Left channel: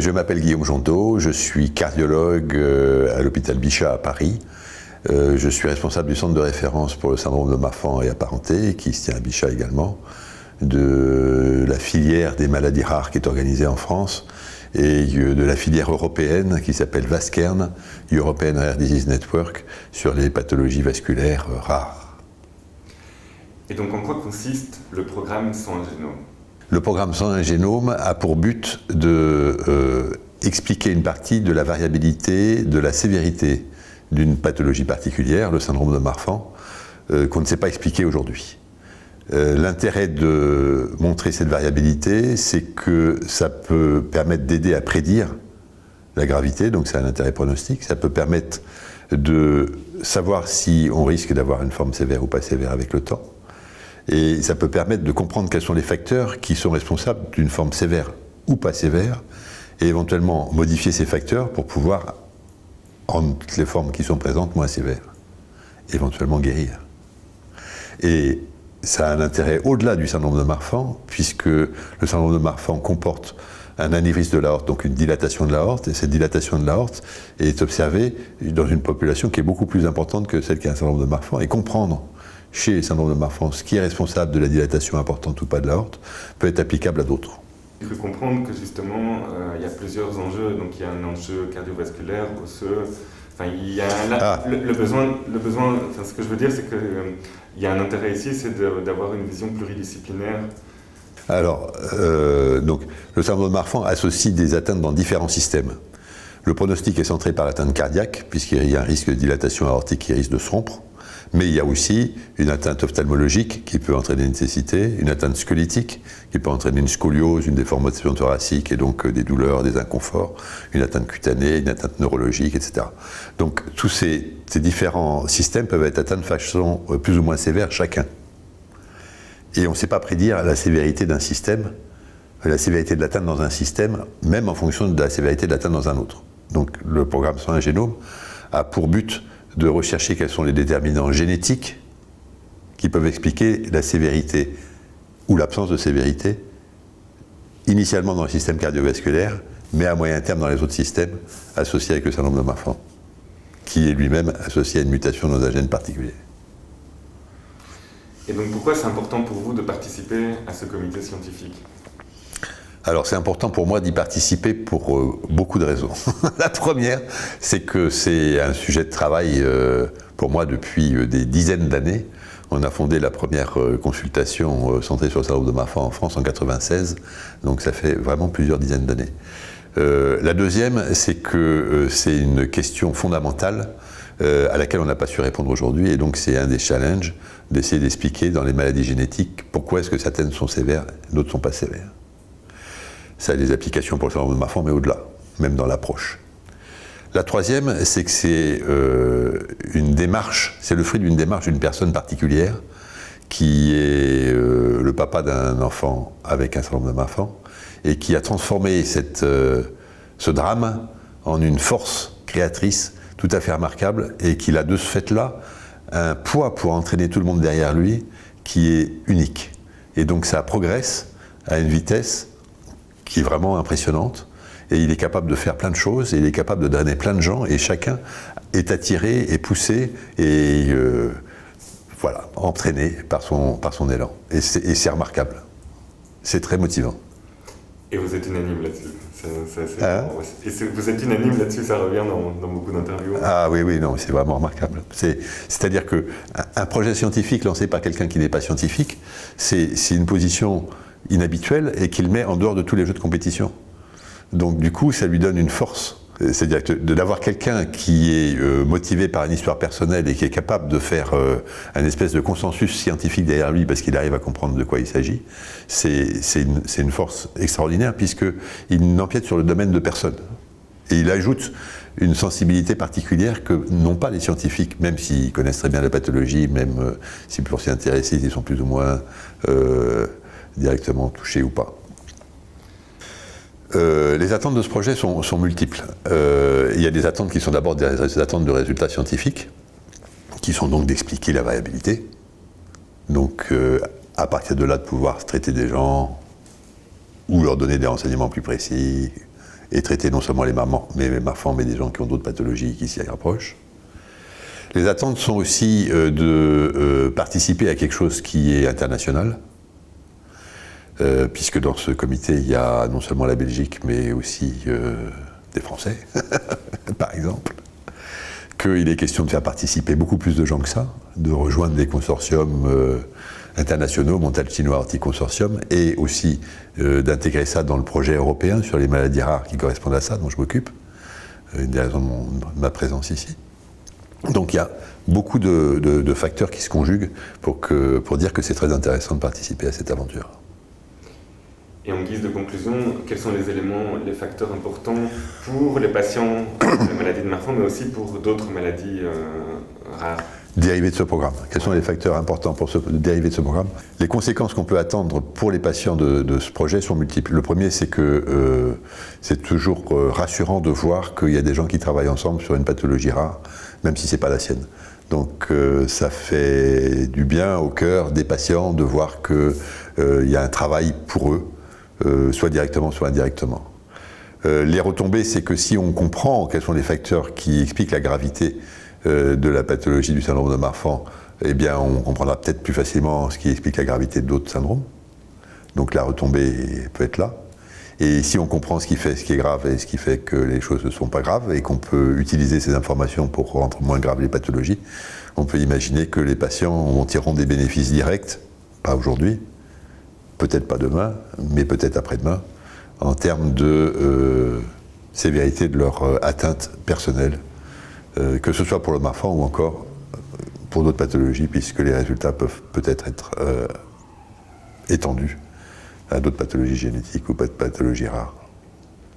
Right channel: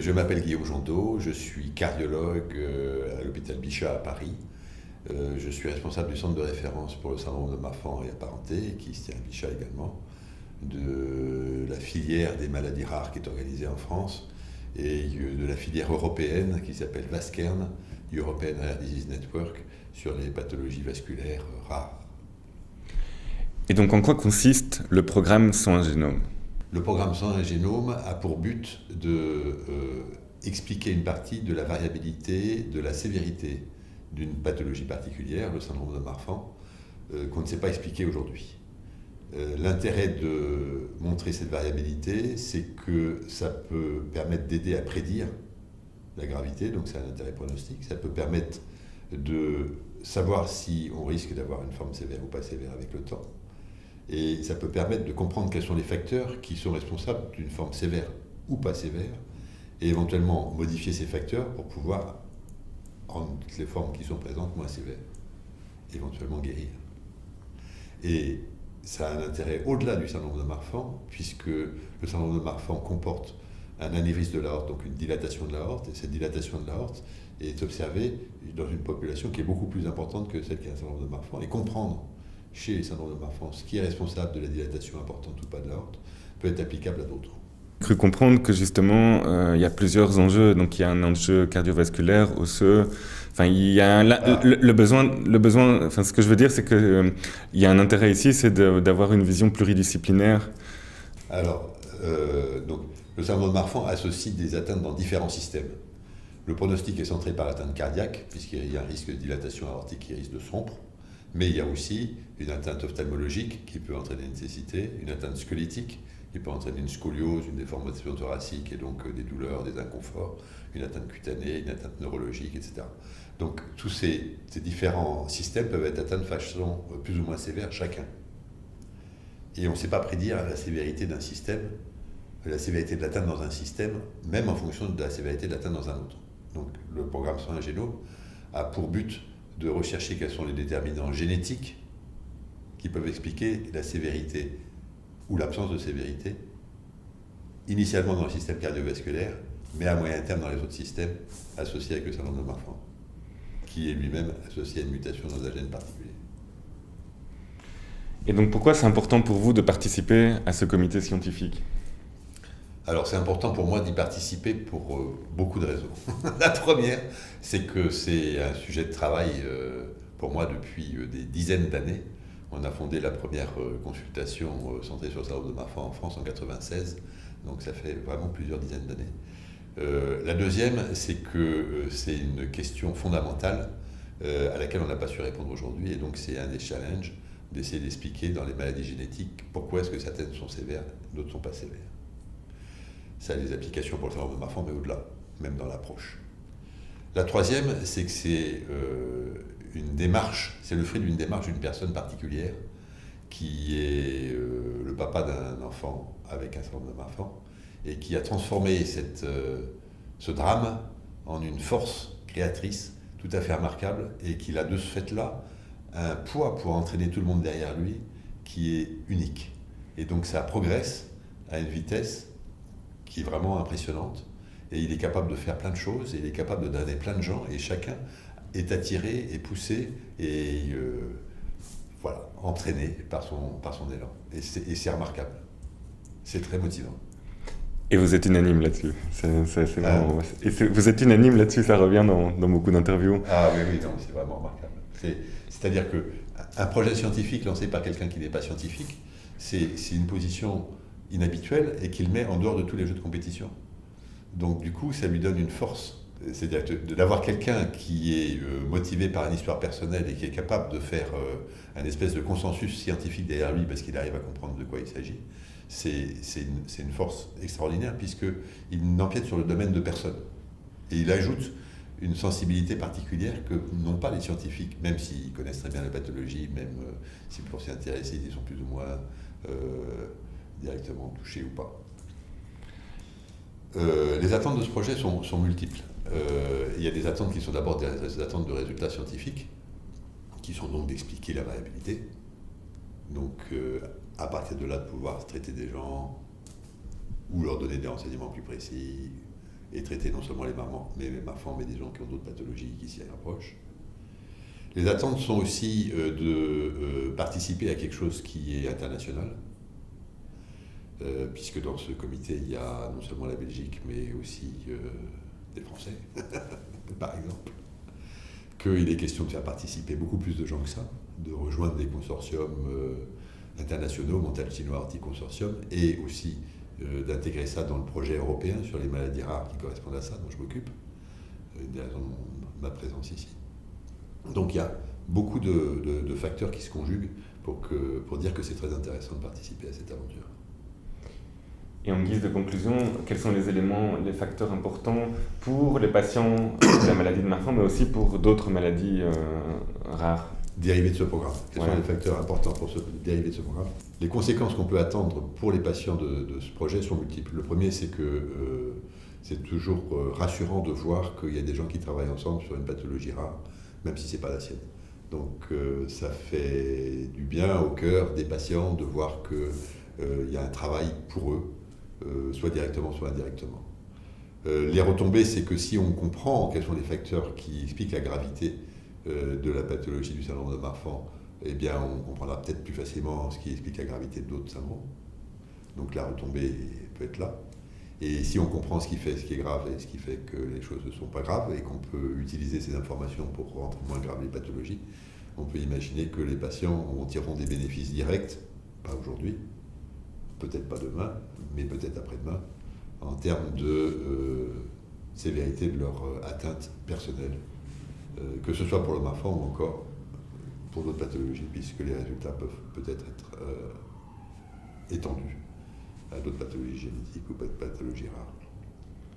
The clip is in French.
Je m'appelle Guillaume Jondeau, je suis cardiologue à l'hôpital Bichat à Paris. Je suis responsable du centre de référence pour le syndrome de Marfan et apparentés, qui se tient à Bichat également, de la filière des maladies rares qui est organisée en France, et de la filière européenne qui s'appelle VASCERN, European Rare Disease Network, sur les pathologies vasculaires rares. Et donc en quoi consiste le programme Sans un génome ? Le programme Sans un génome a pour but de expliquer une partie de la variabilité, de la sévérité d'une pathologie particulière, le syndrome de Marfan, qu'on ne sait pas expliquer aujourd'hui. L'intérêt de montrer cette variabilité, c'est que ça peut permettre d'aider à prédire la gravité, donc c'est un intérêt pronostique. Ça peut permettre de savoir si on risque d'avoir une forme sévère ou pas sévère avec le temps. Et ça peut permettre de comprendre quels sont les facteurs qui sont responsables d'une forme sévère ou pas sévère, et éventuellement modifier ces facteurs pour pouvoir rendre toutes les formes qui sont présentes moins sévères, éventuellement guérir. Et ça a un intérêt au-delà du syndrome de Marfan, puisque le syndrome de Marfan comporte un anévrisme de l'aorte, donc une dilatation de l'aorte, et cette dilatation de l'aorte est observée dans une population qui est beaucoup plus importante que celle qui a un syndrome de Marfan, et comprendre chez les syndromes de Marfan ce qui est responsable de la dilatation importante ou pas de l'aorte peut être applicable à d'autres. J'ai cru comprendre que justement il y a plusieurs enjeux, donc il y a un enjeu cardiovasculaire, osseux. Enfin, il y a le besoin. Enfin, ce que je veux dire, c'est que il y a un intérêt ici, c'est d'avoir une vision pluridisciplinaire. Alors, donc, le syndrome de Marfan associe des atteintes dans différents systèmes. Le pronostic est centré par l'atteinte cardiaque, puisqu'il y a un risque de dilatation aortique qui risque de se rompre. Mais il y a aussi une atteinte ophtalmologique qui peut entraîner une cécité, une atteinte squelettique qui peut entraîner une scoliose, une déformation thoracique et donc des douleurs, des inconforts, une atteinte cutanée, une atteinte neurologique, etc. Donc tous ces différents systèmes peuvent être atteints de façon plus ou moins sévère chacun. Et on ne sait pas prédire la sévérité d'un système, la sévérité de l'atteinte dans un système, même en fonction de la sévérité de l'atteinte dans un autre. Donc le programme Sans un génome a pour but de rechercher quels sont les déterminants génétiques qui peuvent expliquer la sévérité ou l'absence de sévérité, initialement dans le système cardiovasculaire, mais à moyen terme dans les autres systèmes associés avec le syndrome de Marfan, qui est lui-même associé à une mutation dans un gène particulier. Et donc pourquoi c'est important pour vous de participer à ce comité scientifique ? Alors c'est important pour moi d'y participer pour beaucoup de raisons. La première, c'est que c'est un sujet de travail pour moi depuis des dizaines d'années. On a fondé la première consultation centrée sur le syndrome de Marfan en France en 1996, donc ça fait vraiment plusieurs dizaines d'années. La deuxième, c'est que c'est une question fondamentale à laquelle on n'a pas su répondre aujourd'hui, et donc c'est un des challenges d'essayer d'expliquer dans les maladies génétiques pourquoi est-ce que certaines sont sévères et d'autres ne sont pas sévères. Ça a des applications pour le syndrome de Marfan, mais au-delà, même dans l'approche. La troisième, c'est que c'est une démarche, c'est le fruit d'une démarche d'une personne particulière qui est le papa d'un enfant avec un syndrome de Marfan et qui a transformé ce drame en une force créatrice tout à fait remarquable et qu'il a de ce fait-là un poids pour entraîner tout le monde derrière lui qui est unique. Et donc ça progresse à une vitesse qui est vraiment impressionnante, et il est capable de faire plein de choses, et il est capable de drainer plein de gens, et chacun est attiré et poussé, et voilà, entraîné par son élan. Et c'est remarquable. C'est très motivant. Et vous êtes unanime là-dessus. Vous êtes unanime là-dessus, ça revient dans beaucoup d'interviews. Ah oui, non, c'est vraiment remarquable. C'est-à-dire qu'un projet scientifique lancé par quelqu'un qui n'est pas scientifique, c'est une position inhabituel et qu'il met en dehors de tous les jeux de compétition. Donc du coup, ça lui donne une force. C'est-à-dire d'avoir quelqu'un qui est motivé par une histoire personnelle et qui est capable de faire un espèce de consensus scientifique derrière lui parce qu'il arrive à comprendre de quoi il s'agit, c'est une force extraordinaire puisqu'il n'empiète sur le domaine de personne. Et il ajoute une sensibilité particulière que n'ont pas les scientifiques, même s'ils connaissent très bien la pathologie, même si pour s'y intéresser, ils sont plus ou moins directement touchés ou pas. Les attentes de ce projet sont multiples. Il y a des attentes qui sont d'abord des attentes de résultats scientifiques, qui sont donc d'expliquer la variabilité. Donc, à partir de là, de pouvoir traiter des gens ou leur donner des renseignements plus précis, et traiter non seulement les marfangs, mais des gens qui ont d'autres pathologies qui s'y rapprochent. Les attentes sont aussi de participer à quelque chose qui est international, puisque dans ce comité, il y a non seulement la Belgique, mais aussi des Français, par exemple. Qu'il est question de faire participer beaucoup plus de gens que ça, de rejoindre des consortiums internationaux, Montalcino Arctic Consortium, et aussi d'intégrer ça dans le projet européen sur les maladies rares qui correspondent à ça, dont je m'occupe, une des raisons de ma présence ici. Donc il y a beaucoup de facteurs qui se conjuguent pour dire que c'est très intéressant de participer à cette aventure. Et en guise de conclusion, quels sont les éléments, les facteurs importants pour les patients de la maladie de Marfan, mais aussi pour d'autres maladies rares? Dérivés de ce programme. Quels sont les facteurs importants pour dériver de ce programme? Les conséquences qu'on peut attendre pour les patients de ce projet sont multiples. Le premier, c'est que c'est toujours rassurant de voir qu'il y a des gens qui travaillent ensemble sur une pathologie rare, même si ce n'est pas la sienne. Donc ça fait du bien au cœur des patients de voir qu'il y a un travail pour eux, soit directement, soit indirectement. Les retombées, c'est que si on comprend quels sont les facteurs qui expliquent la gravité de la pathologie du syndrome de Marfan, eh bien on comprendra peut-être plus facilement ce qui explique la gravité d'autres syndromes. Donc la retombée peut être là. Et si on comprend ce qui est grave et ce qui fait que les choses ne sont pas graves et qu'on peut utiliser ces informations pour rendre moins graves les pathologies, on peut imaginer que les patients en tireront des bénéfices directs, pas aujourd'hui, peut-être pas demain, mais peut-être après-demain, en termes de sévérité de leur atteinte personnelle, que ce soit pour le Marfan ou encore pour d'autres pathologies, puisque les résultats peuvent peut-être être étendus à d'autres pathologies génétiques ou pathologies rares.